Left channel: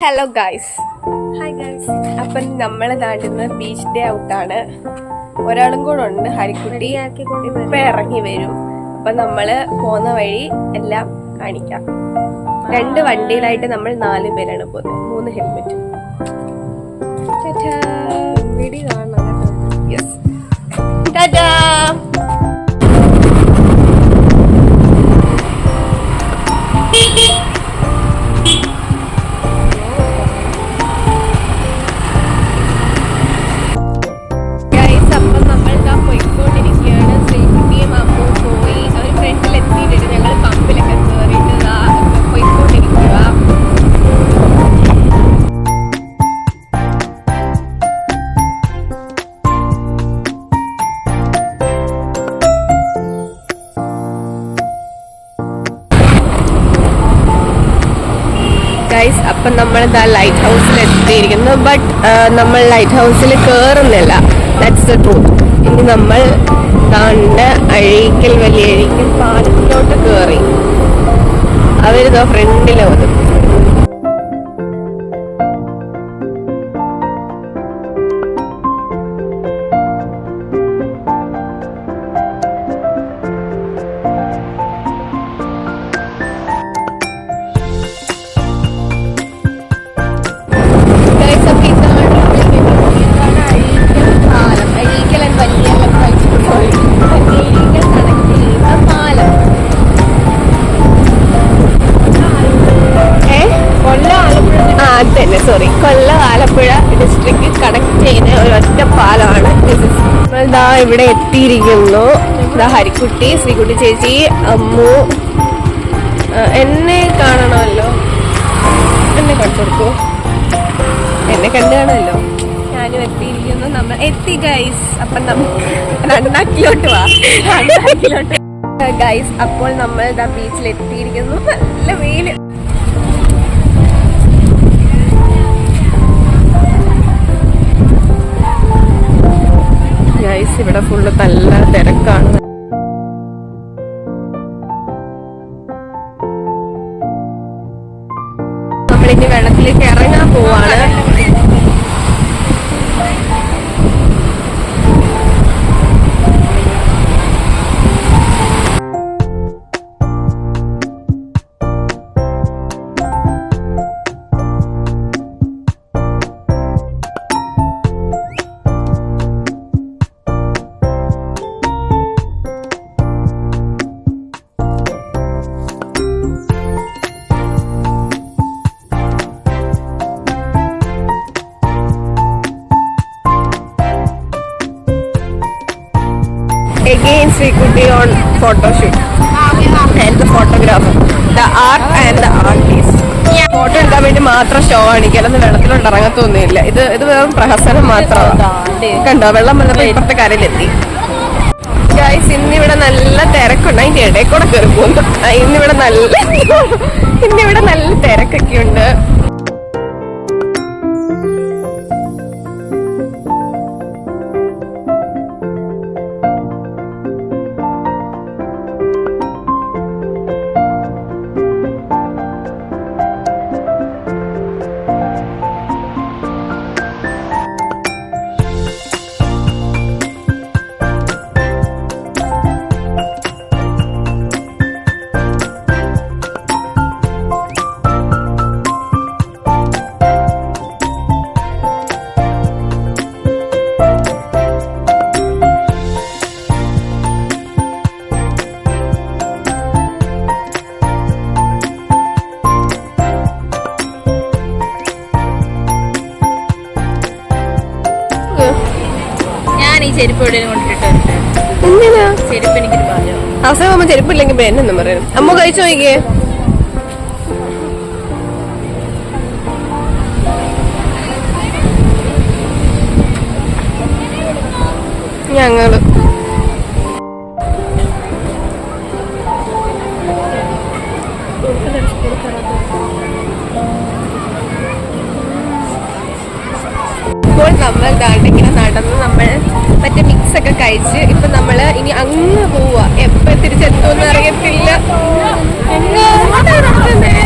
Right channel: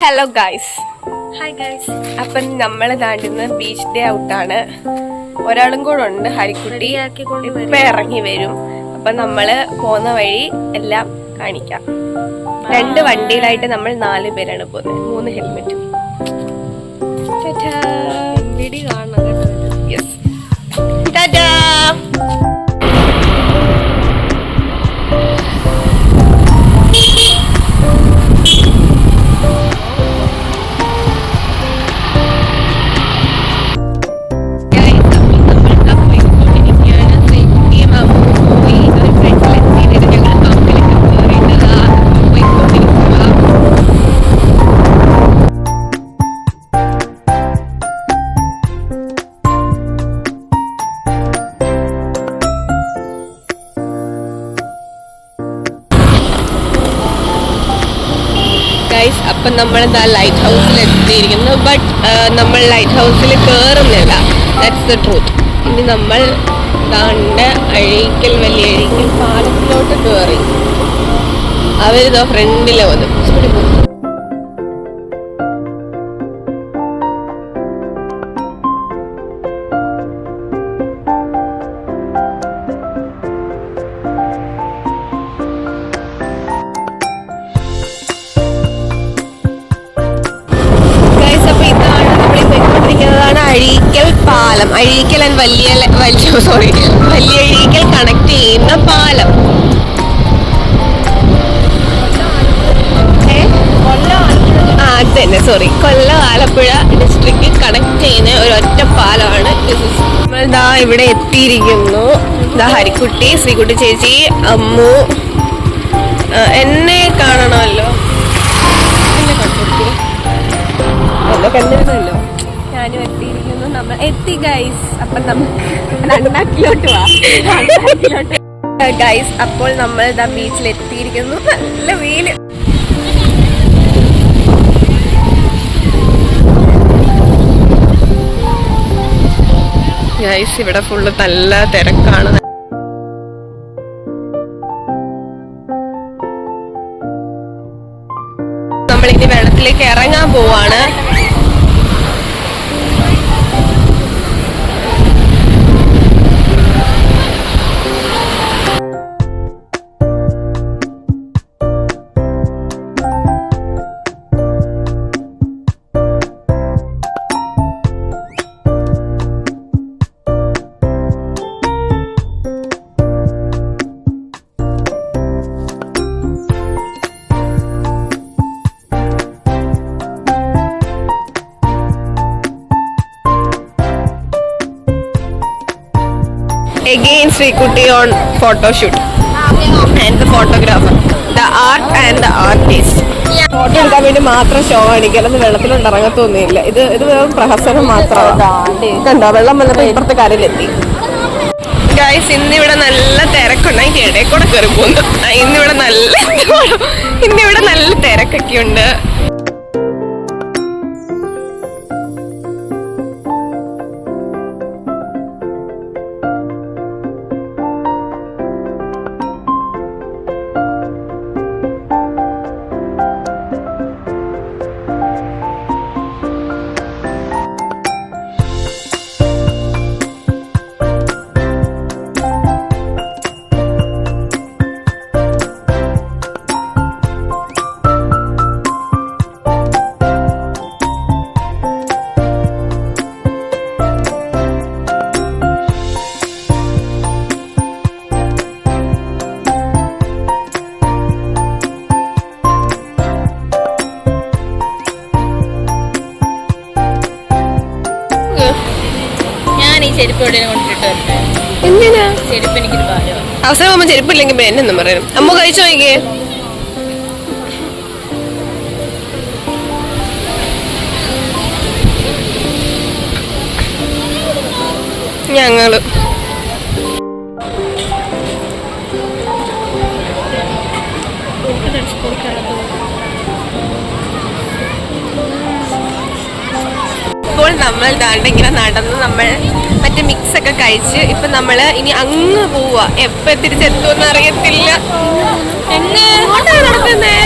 Hello guys hi guys അപ്പം നമ്മൾ താണ്ടുന്ന beach day ഔട്ടാണ് ഒരാളും കൂടെ ഉണ്ട് ഹരിക്കുട്ടി. ഇപ്പം ഇറങ്ങി വരും. അപ്പം നമ്മൾ പോകുന്ന വഴി എല്ലാം കാണിക്കാം. രണ്ട് വണ്ടിയിലായിട്ട് നമ്മൾ നാല് പേരാണ് പോകുന്നത് മൂന്ന് ഹെൽമെറ്റും വീഡിയോ കാണണം കേട്ടോ ഗൈസ് ഗൈസ് അപ്പം നമ്മളിതാ ലൈറ്റ് ഹൗസിൽ എത്തിയിരിക്കുന്നു ബട്ട് നമ്മൾ ലൈറ്റ് ഹൗസിൽ കയറുന്നില്ല ദാറ്റ്സ് ദ ട്രൂത്ത് ഇനി നമ്മൾ കണ്ട അഴീക്കൽ വലിയ അഴീക്കൽ പാലത്തിലോട്ട് കയറി അവരിതോ ഫ്രണ്ടിലെ വന്നു. അഴീക്കൽ പാലം. അഴീക്കൽ വലിയ വലിയ സോറി വലിയ അഴീക്കൽ കണക്ട് ചെയ്യുന്ന പാലം. അത് തന്നെ sorry Kollam Alappuzha district connect ചെയ്യുന്ന ഒരു ഒറ്റ പാലമാണ് നമ്മൾ ദാ ഇവിടെ എത്തിയിരിക്കുന്നു. ദാ ഹരിക്കുട്ടി ശ്രീകുട്ടി ചേച്ചി അമ്മു. എന്നെ കാണണമല്ലോ. എന്നെ കണ്ടിരിക്കുക എന്നെ കണ്ടാണല്ലോ ഞാനും എത്തിയിരിക്കുന്നു നമ്മൾ എത്തി ഗൈസ് അപ്പം നമുക്ക് രണ്ടാക്കിലോട്ട് വാ. രണ്ടാക്കിലോട്ട് ഗൈസ് അപ്പോൾ നമ്മൾ ദ ബീച്ചിൽ എത്തിയിരിക്കുന്നു നല്ല വെയിൽ. ഗൈസ് ഇവിടെ ഫുള്ള് നല്ല തിരക്കാണ്. നമ്മളിനി വെള്ളത്തിലേക്ക് ഇറങ്ങാൻ പോവാണ്. Again Srikuti on photo shoot and the photographer. The art and the artist. Photo എടുക്കാൻ വേണ്ടി മാത്രം ഷോ കാണിക്കാനൊന്നും വെള്ളത്തിലോട്ട് ഇറങ്ങത്തൊന്നുമില്ല. ഇത് ഇത് വെറും പ്രഹസനം മാത്രമാണ്. കണ്ടോ? വെള്ളം വന്നപ്പോ ഇപ്പുറത്തെ കരയിലെത്തി. ഗൈസ് ഇന്നിവിടെ നല്ല തിരക്കുണ്ട്. എനിക്ക് ഇടയിൽ കൂടെ കയറി പോകുന്നു ഇന്നിവിടെ നല്ല ഇന്നിവിടെ നല്ല തിരക്കൊക്കെ ഉണ്ട് അവസരം അമ്മ ചെരുപ്പില്ലെങ്കിൽ പിന്നെ എന്നെന്നും പറയണം. അമ്മ കഴിച്ചു നോക്കിയേ ഞങ്ങൾ. നമ്മൾ ദാണ്ട് ഇങ്ങനെ നടന്ന് നമ്മൾ മറ്റേ മിക്സ് ഒക്കെ കഴിച്ച് ഇപ്പൊ നമ്മൾ ഇനി അങ്ങ് പോവാ. എപ്പോ തിരിച്ചെത്തുമെന്ന് അറിയത്തില്ല. എന്നെ? നടക്കുന്നേ?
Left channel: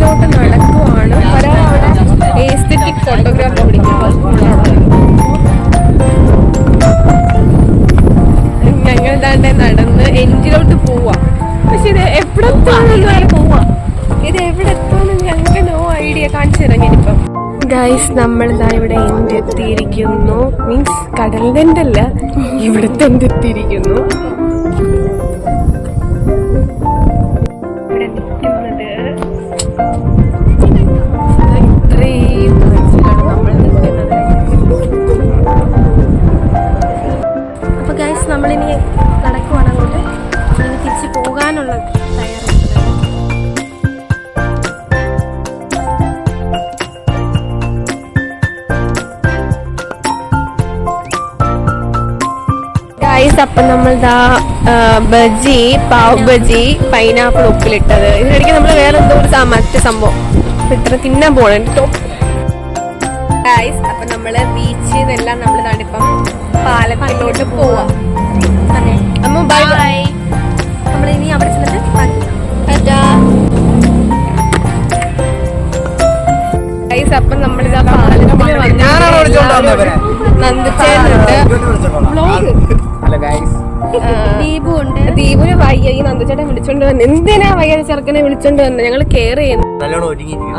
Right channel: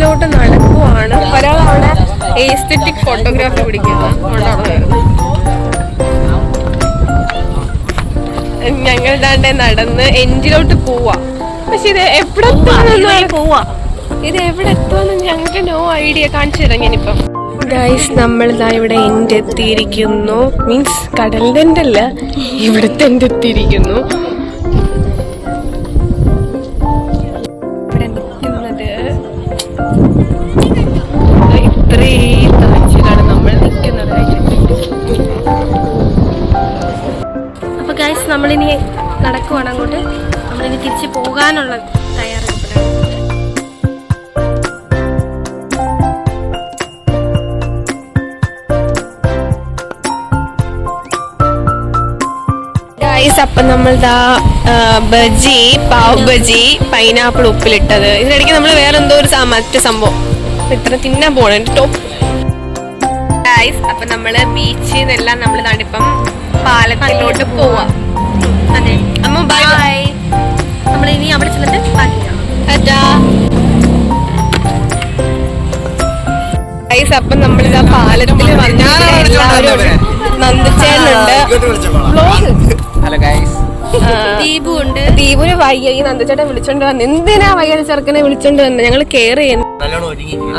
എഞ്ചിലോട്ട് നടക്കുവാണ്. പല ഏസ്തെറ്റിക് ഫോട്ടോഗ്രാഫി പിടിക്കുന്നത് ഞങ്ങൾ ദാണ്ടെ നടന്ന് എൻജിലോട്ട് പോവാ. പക്ഷെ ഇത് എവിടെ എത്തുവാണെന്ന് പോവാ. ഇത് എവിടെ എത്തുമെന്ന് ഞങ്ങൾക്ക് നോ ഐഡിയ കാണിച്ചു തരാം ഞാനിപ്പം. ഗൈസ് നമ്മളിതാ ഇവിടെ എന്റെ എത്തിയിരിക്കുന്നു. മീൻസ് കടലിന്റെ അല്ല ഇവിടുത്തെ എന്റെ എത്തിയിരിക്കുന്നു. നമ്മളിനി നടക്കുവാണ് അങ്ങോട്ട്. നമ്മളിനി തിരിച്ച് പോകാനുള്ള തയ്യാറെടുപ്പിലാണ്. അപ്പം നമ്മൾ ദാ ബജി പാവ് ബജി പൈനാപ്പിൾ ഉപ്പിലിട്ടത്. ഇതിനിടയ്ക്ക് നമ്മൾ വേറെ എന്തോ ഒരു മറ്റു സംഭവം. ഇത്ര തിന്നാൻ പോണം ടോപ്പ് ഗൈസ് അപ്പം നമ്മൾ ബീച്ചിൽ നിന്നെല്ലാം നമ്മൾ നടിപ്പം പാലക്കാട്ടിലോട്ട് പോവാ. അപ്പം ആ പാലത്തിൽ വന്നിട്ട് എല്ലാവരും നന്ദിച്ചേനുണ്ട് വ്ലോഗ് ഹലോ ഗൈസ് ദീപു ഉണ്ട് ദീപുന് വയ്യ ഈ നന്ദച്ചേട്ടൻ വിളിച്ചോണ്ട് വന്നു. എന്തിനാ വയ്യ ചെറുക്കനെ വിളിച്ചോണ്ട് വന്നു? ഞങ്ങൾ കെയർ ചെയ്യുന്നു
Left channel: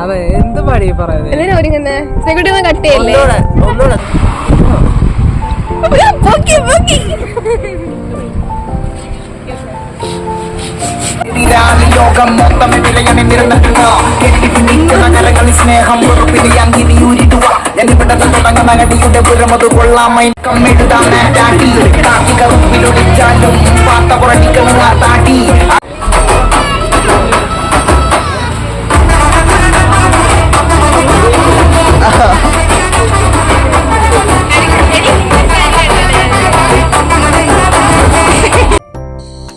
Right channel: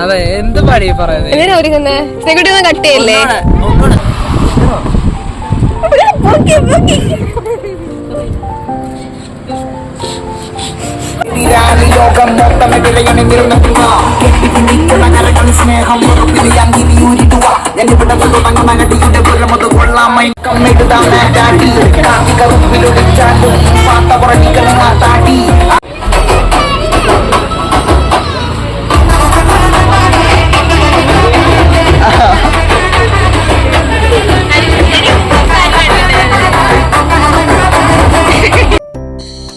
അതെ എന്ത് പടി പറയുന്നത് എന്തിനാ ഒരുങ്ങുന്നേ? സെക്യൂരിറ്റി ഒന്ന് കട്ട് ചെയ്യല്ലേ ലോകം മൊത്തം വിളയണി നിരന്നിട്ടുക കെട്ടിപ്പിടിക്കുന്ന കരകളി സ്നേഹം ഉറപ്പിലി അങ്കിരിയൂരിടുക എന്നിവിടെ തുടങ്ങുന്ന നടിയുടെ പുരമത് കൊള്ളാമൈ കമ്മിതാണ് കാട്ടി കാട്ടി കറുപ്പിലൊടിച്ചാലും പാത്ത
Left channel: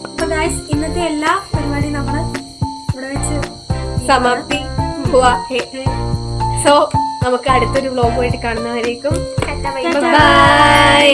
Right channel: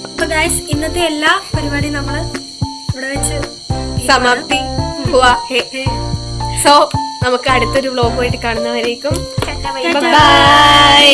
അപ്പോൾ ഗൈസ് ഇന്നത്തെ എല്ലാ പരിപാടിയും നമ്മൾ സമാപ്തി. സോ നമുക്ക് അടുത്തൊരു വ്ലോഗുമായിട്ട് കാണുന്നവരേക്കും ബൈ